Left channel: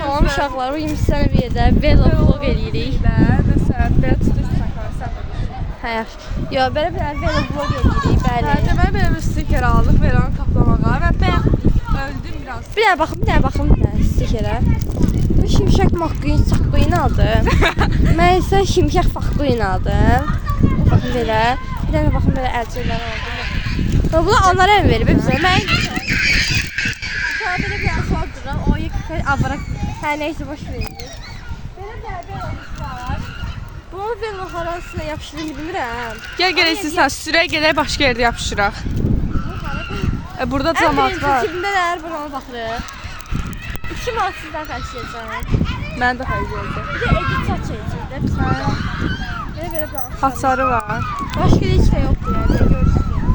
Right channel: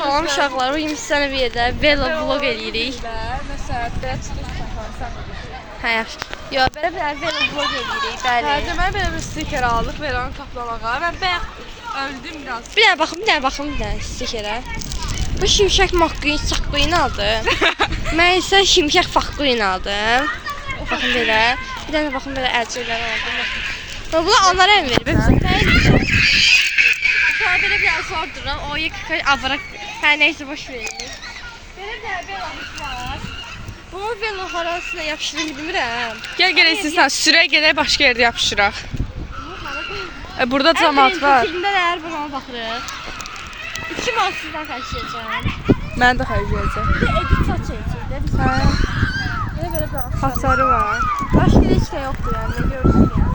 Salam uşaqlar, bugün sizə bir yerdə velo vlog eləyirik. Məsələn, belə çıxış saxlansa. Hə, yaxşı. Yo, belə bir velo vlog eləyirik, bəli. Deməli belə bir stiker aldıq Veronun kaplamağa və bayaq öldüm biraz. Bir dənə baxım stikerə. Bu Şimşək McQueen aldım. Mən isə Şimşək McQueen aldım. Baxın belə. Bir dənə baxın belə əlçəkləri aldım. Bu onlara en verir bizə. Mən sonra belə bir sorduram. O yıkı avara hər nəysə boş verir. Belə bir var. Bu velo harasına yapışdırır bilmirəm. Gəl istəyirsən sürə gedək başqa yerdə yapışdıraq. Burada cəmaət var. Filmlər buna baxırıq. 2 manat sizdən xərcləyəcəm. Mən də xərcləyəcəm. Bir də edit çəkəcək də. Belə bir Hasarı var. Başqa heç də yoxdur yəni. Görürsünüz yəni.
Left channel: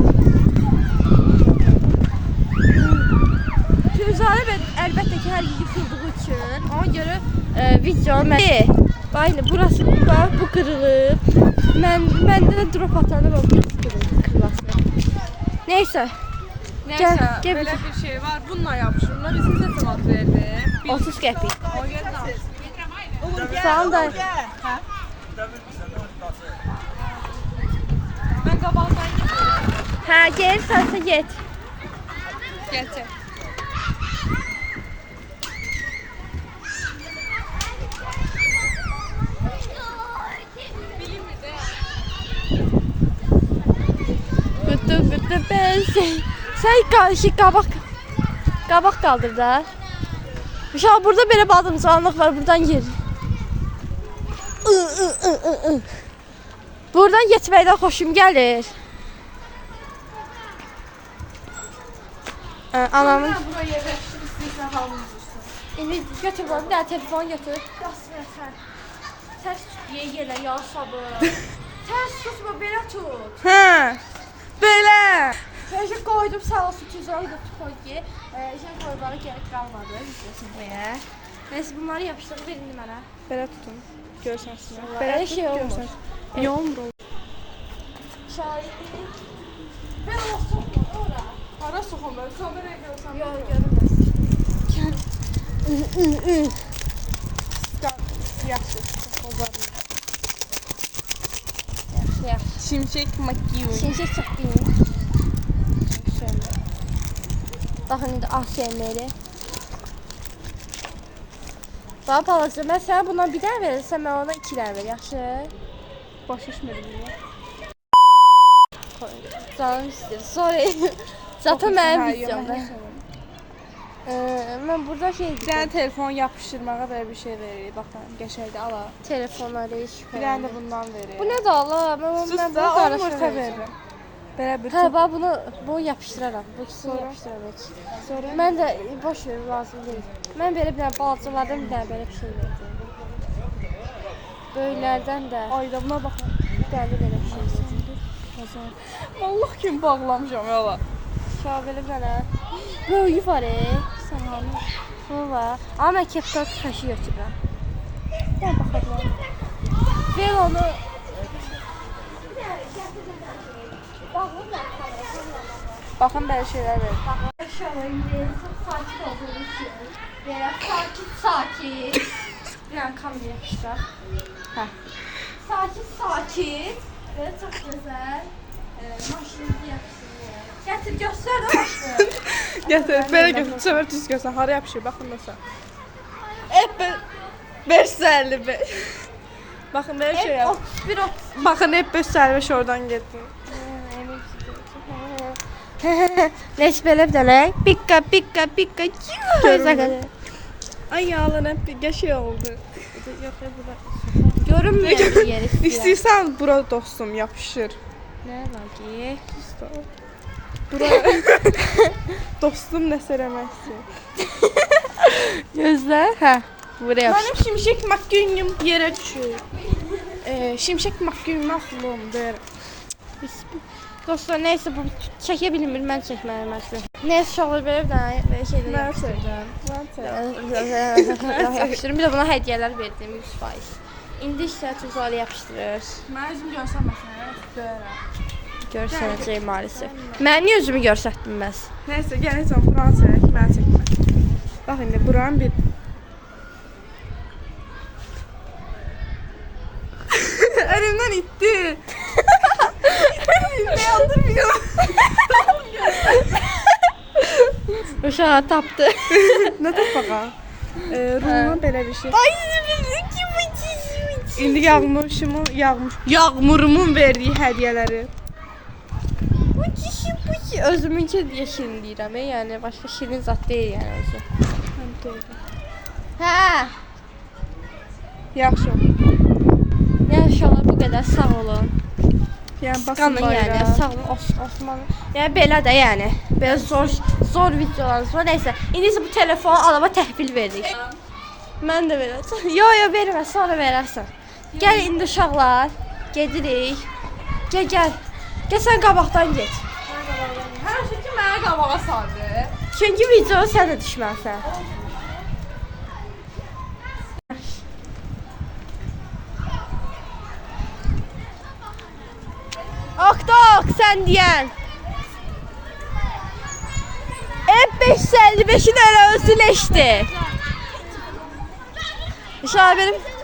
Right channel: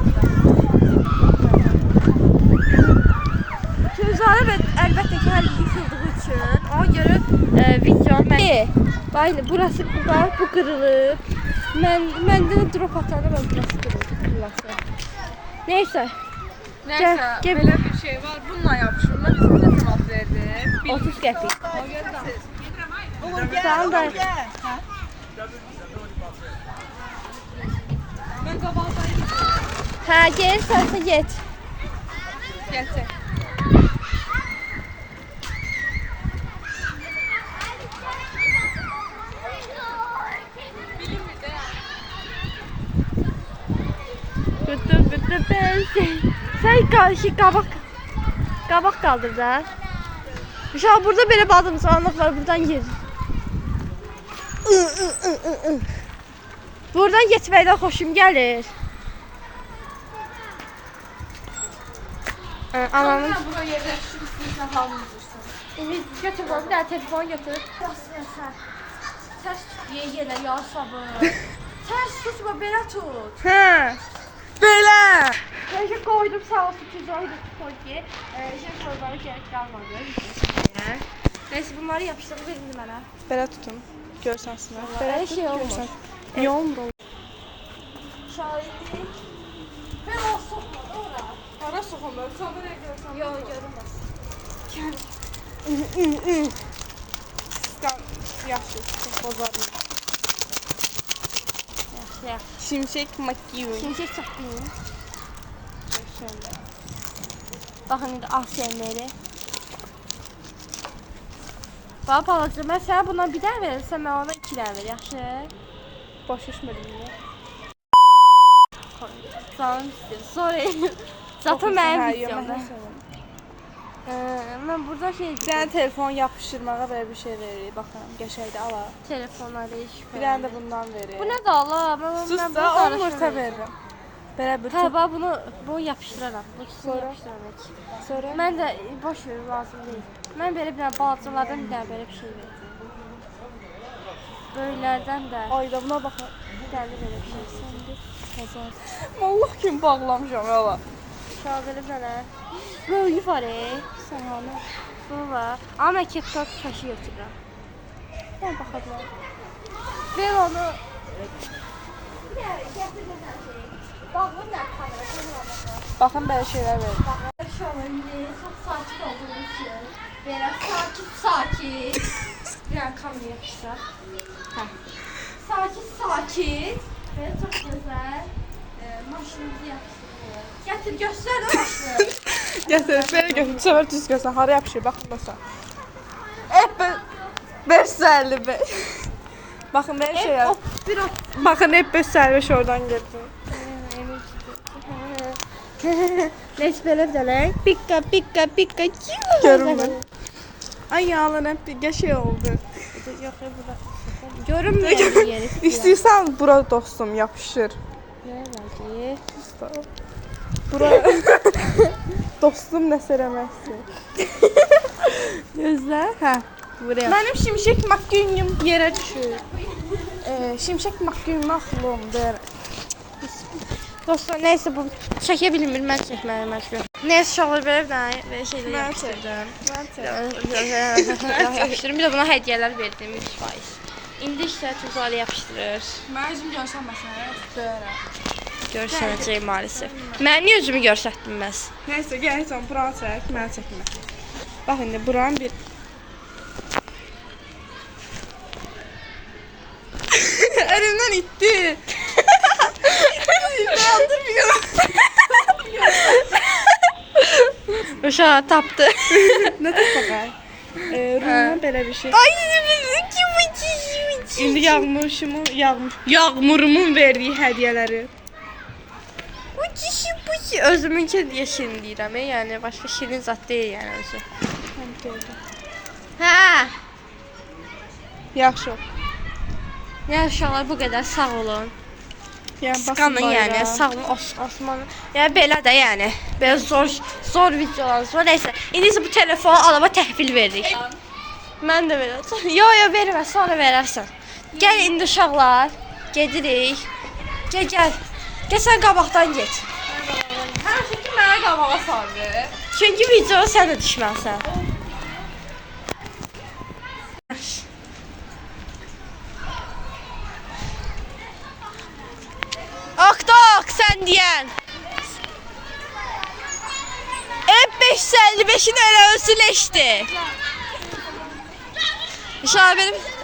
Füzarə əlbəttə ki, hər yıxıldığı üçün ona görə video Baylı, burası bu qırılıb. Məndə də drop atanda burası qırılası. Neysə. Nəysə, belə bir şey var. Bununla yapışır. Mən sizə cavab verdim. 30 qəpik. O gəldi. Sağ ol da. Mən qabaqdayım. Hə, gel, sənsə get. Gətir. Sen kabak kaldır da. Mesela burada böyle badımcanlık var, buradan yer. Buradan geçməkdən xoşum gəlir. Anamın... Bura yerləşdirirsən, hamımız İndi götür bir dənə telefon götür. Səs tutmuyor yerlə, ya sabır. Səs tutma, belə tut. Hə. Belə. Şey koydum sağ olsun tüzüğü koy ki şey koymana gerek kalmadı. Neyse bunları yapıştırıp verin mənə. Belə tutun. Görsənsinlər. Belə şey olmur. Yomru. Şahidi. Ben o sokmadı ora. Hara soxum mən? Kameraya görsən. Yok görünmez. Yaxşı. Bozarım. Yaxşı. Şimşək McQueen. Şimşək çəkdin. Baxın indi ASMR-i. Bax balaca, mən sənə bundan bir dənə verirsən, mən ona 2 dənə ver, yaxşı? Baş düşmədim niyə? Canım istəyir, sorry. Zaten mənim videomda. Mən burada şey dedim. Sənə telefon yapışdırmağa belə bir şey veririk, baxın, qəşəngdir, ala. Telefonları iş. Bir dənə də bundan verir. Bu nə da Allah? Sus da, onu orta veririm. Belə bir Hə, bax bunu yapışdıraram. Bu ikisini Sonra? yapışdıraram. Sonra Mən də boş ver, lazım deyil. Mən belə bir dənə balacalardan bir dənə belə bir şey verdim. Böylələrdən də ayda buna baxın. bir dənə də belə bir şey verdim. Pazar. Allah kimi bağlamışam yala. Şu an belə bir dənə. Böyüyü var Sən hanı? Bu var. Amma mən kepka kaşı götürürəm. Sən baxa bilərəm. Ver onu. Baxın belə şeylər verir. Şu an indi çok sakin olduğumuz için. Böyle sakin. Bir an kameraya yapışlar. Sakin. Böyle çok güzel. Maşınımızı yapıştırıyor. Getir göster o maşını. Gətir, belə götür. Səvər düz görsən, hara yapışır, baxın da sən. 555. Baxın belə şey yap. Baxın hep 555 oradan getdi. Neyse böyle bir tane. Pika. Görünmür. Ay yağlan hep bir şey oldu. Yok ya burada. Görünmüyor bir yer istiyor. İstəyirsən bura dostum yapışır. Ne var ki? Bura dostum nə sərəməsi. Gözler. Hə. Buraya. Mənim Şimşək McQueen'im yerə düşür. Şimşək McQueen'im aflomdur. Dostlar neyse bu çekebilir ben çekmeye mecbur. Neyse şalır böyle bir tane şeyler yapıştırdım. Yapıştırdım. Bir de buna hediyeler verdim 100%. İndi işte tuzlarla yapıştırır. Mən özüm görsənməsən, döyərəm. Görsənəcək maalesef. Mən niyə özümü görsətdim bəs? Nəysə, gəl heç buranı çək, mən çəkmə. Bax indi buranın bir Uşağı tapdı. Nə də fəqət? Rumdan belə bir şey. Ay, İndi Yağmurumun verdiyi hədiyyələri. özümünkü diye şirin deyirəm, yəni başqa şirin zat deyil yəni özü. Hə. Yaxşı. Yəni uşaqlar bu qədər sağ olun. Yəni Qanın yəni sağ olun Osman. Yəni belə də yəni. Belə zor videolarımız var. Nəysə, indi isə bu telefonu alaba təhvil veririk. Mən də belə. Yo, vermə, sonra verərsən. Gəl indi uşaqlar, gedirik. Gəl. Gəl sən qabaqdan get. Hər şey ki mənə qabağa sardı. Çünki videoya sən də düşməlisən. Ok, sən deyən. F555'in elə özü leşdi. İnşallah benim